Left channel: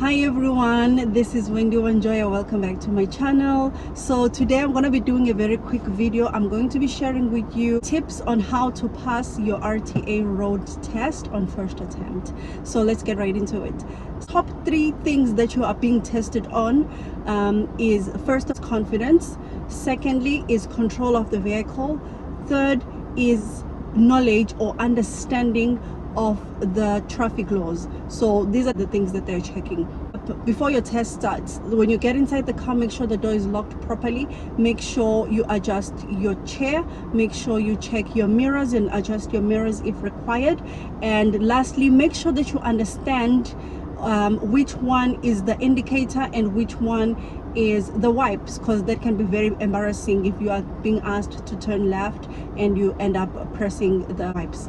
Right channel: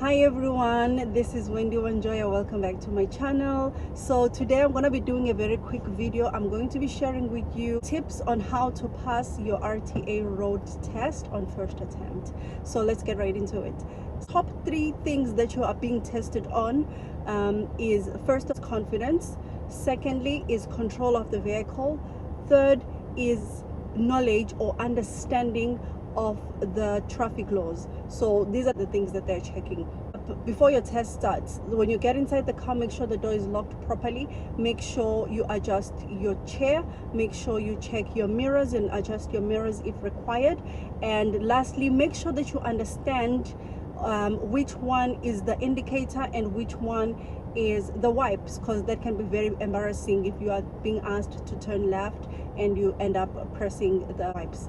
Hi everyone, this is Wendy Wanjoya. Welcome back to my channel. So today I'm going to be doing a very quick video. I'm going to be sharing with you tips on how to pass your RTA road test on first attempt. So let's get right into it. Top 3 things that you are being tested on is first is confidence, secondly is control of the vehicle, third is knowledge or understanding of the traffic laws. So these are the things that they're checking before your test starts. When you get inside the car, make sure the door is locked properly, make sure you adjust your chair, make sure you check your mirrors and adjust your mirrors if required, and lastly make sure that you understand which one is the indicator and which one is the wipes, because that can be very embarrassing if you are being asked to turn left and you end up pressing the wipes.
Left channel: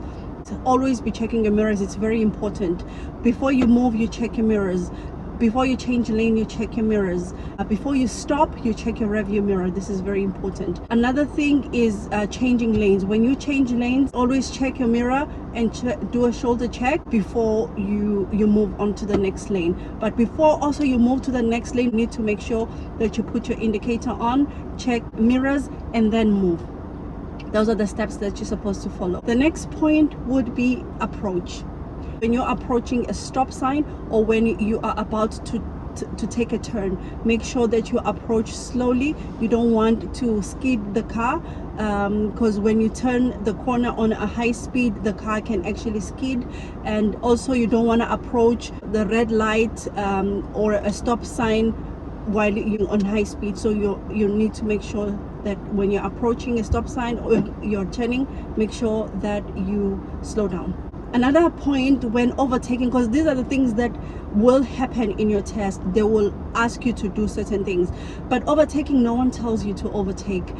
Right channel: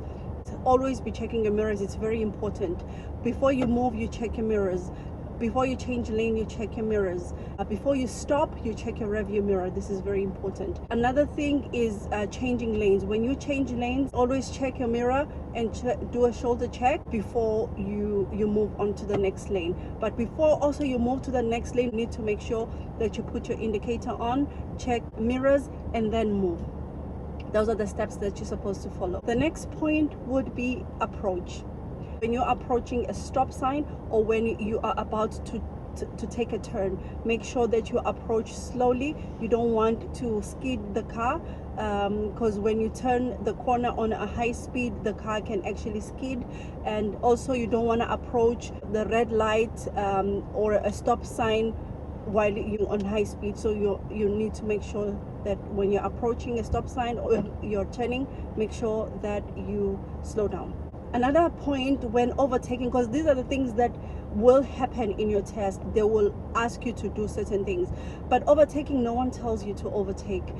Always be checking your mirrors. It's very important. Before you move, you check your mirrors. Before you change lane, you check your mirrors. Before you stop, you check your rearview mirror. This is very important. Another thing is changing lanes. When you change lanes, always check your mirror and do a shoulder check before you move on to the next lane. But before also you move to the next lane, you need to make sure that you put your indicator on, check mirrors, and then move. Those are the steps that you're supposed to follow. The next point would be approach. When you're approaching a stop sign or when you are about to take a turn, make sure that you approach slowly. You don't want to skid the car, because when you turn the corner on a high speed, the car can actually skid. And also you don't want to approach the red light or a stop sign while you're on high speed. So you need to make sure that when you're approaching a stop sign or you're turning, make sure that you slow down. Another point when overtaking, because these are the things that will happen in your test, they will ask you to do certain things. But overtaking, no one tells you to overtake.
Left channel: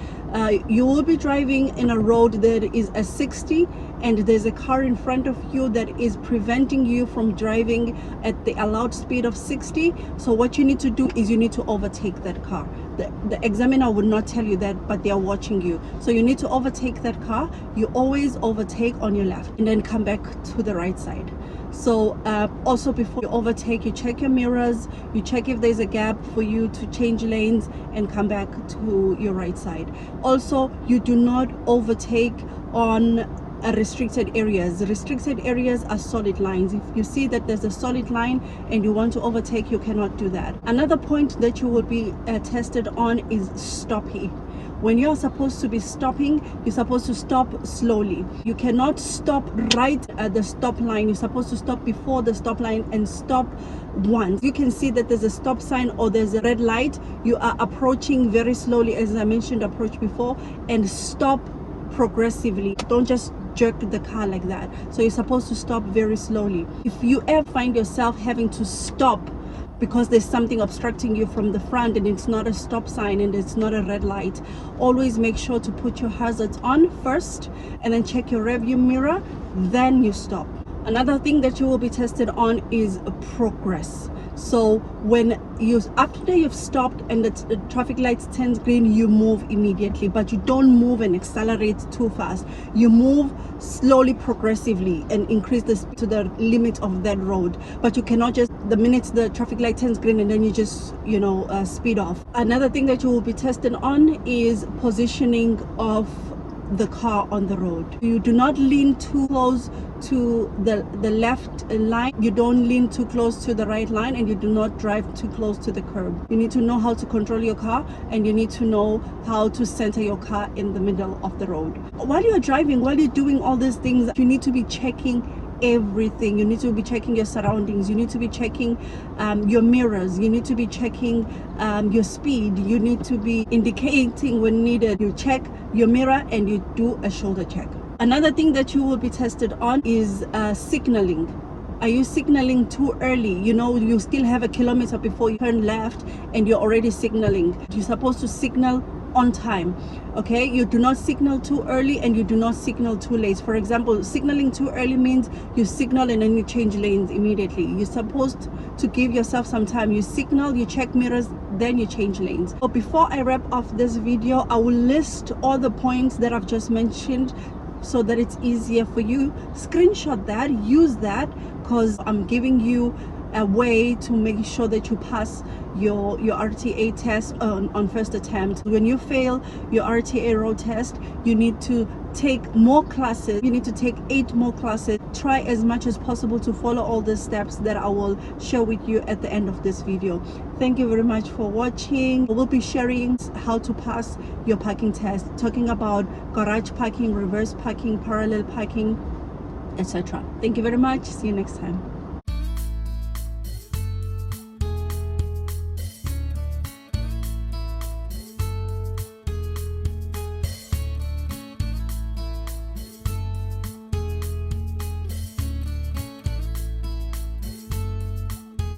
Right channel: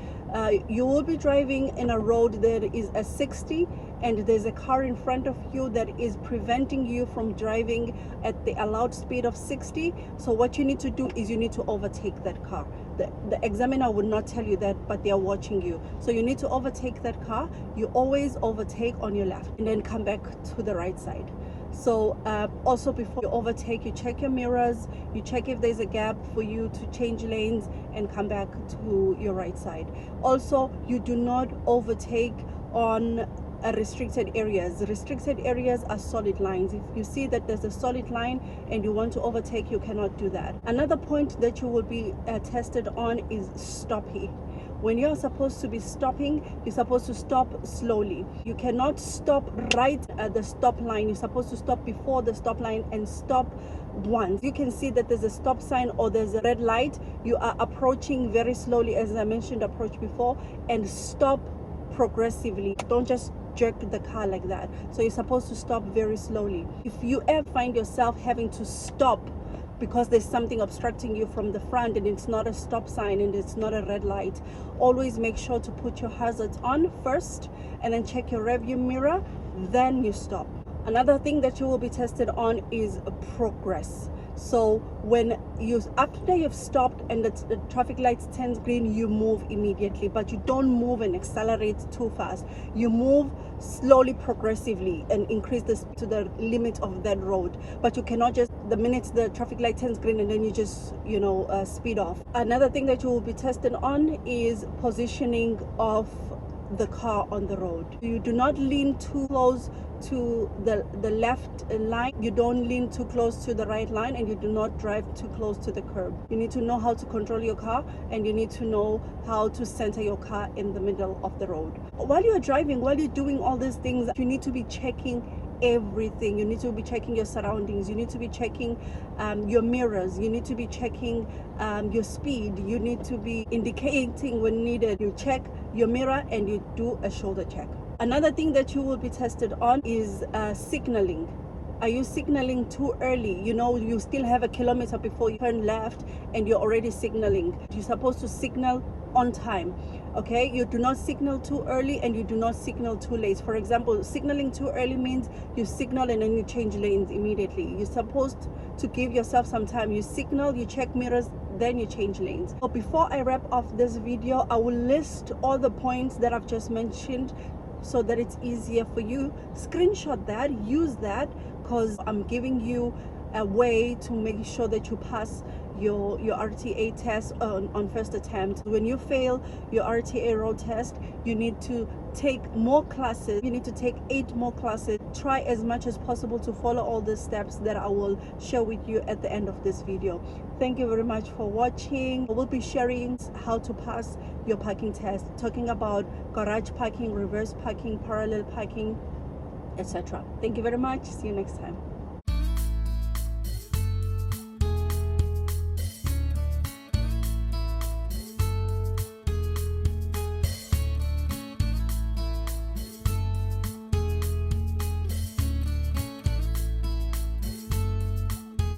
You will be driving in a road that is a 60 and there's a car in front of you that is preventing you from driving at the allowed speed of 60. So what you need to do is you need to overtake that car. The examiner would not tell you that, but they are watching you. So you need to overtake that car. You always overtake on your left and then come back to the right side. So also before you overtake, you check your mirrors, you check if there's a gap for you to change lanes and come back to your right side. Also, you do not overtake on restricted areas. Restricted areas are solid lines. If you see that there's a solid line and you want to overtake, you cannot do that. Another point that you will be tested on is stopping. When you're supposed to be stopping, you're supposed to stop slowly. You cannot stop right at the stop line. You're supposed to stop before the stop line and stop once. You can see that there's a stop sign or there's a red light. You are approaching very slowly, as I mentioned, approach before, and stop progressively. Don't just jerk the car like that. So you're supposed to stop very slowly. If you ever find yourself having to stop because there's something obstructing you from the front and it's not a stop sign and it's not a red light, always make sure to put your hazards on first and then check your rearview mirror, then you stop. Another thing that you will be tested on is progress. So when after you've stopped and the traffic lights turns green, you move immediately, but you don't move and accelerate too fast. You move slowly, progressively, and increase the speed to the limit of that road. But you cannot just, the minute the traffic light turns green and then you just speed off. Another thing that you will be tested on is positioning of the car on the road. You do not lean too close to the left line, you don't lean too close to the right line, and you do not drive too close to the curb. You need to know how to control your car and you need to know how to center your car in the middle of the road. While you're driving, while you're doing all these things, you need to be checking everything. You need to be checking your surroundings, you need to be checking your mirrors, you need to be checking your speed, you need to be indicating when needed. You check your mirror and you do a shoulder check. Another thing that you will be tested on is signaling. Are you signaling too early? You still have a kilometer before you turn left and you're already signaling. You're supposed to signal on time. Okay, you do not signal too early and you do not signal too late. For example, signaling too early means you signal and then you change lanes immediately. You're supposed to give yourself some time. You signal, you check mirrors, then you change lanes. So before I wrap off this video, I will list all the points that I've just mentioned so that it's easier for you. Screenshot that, use that, because I'm giving you a way to make sure that you pass your RTA test on first attempt. When you fail your RTA road test, you need to take more classes. You need to take 8 more classes. Try as much as possible to follow all the steps that I will share with you at the end of this video. Thank you very much for watching. We'll be sharing how to pass your parking test, talking about garage parking, reverse parking, parallel parking, etc. Thank you very much. See you next time.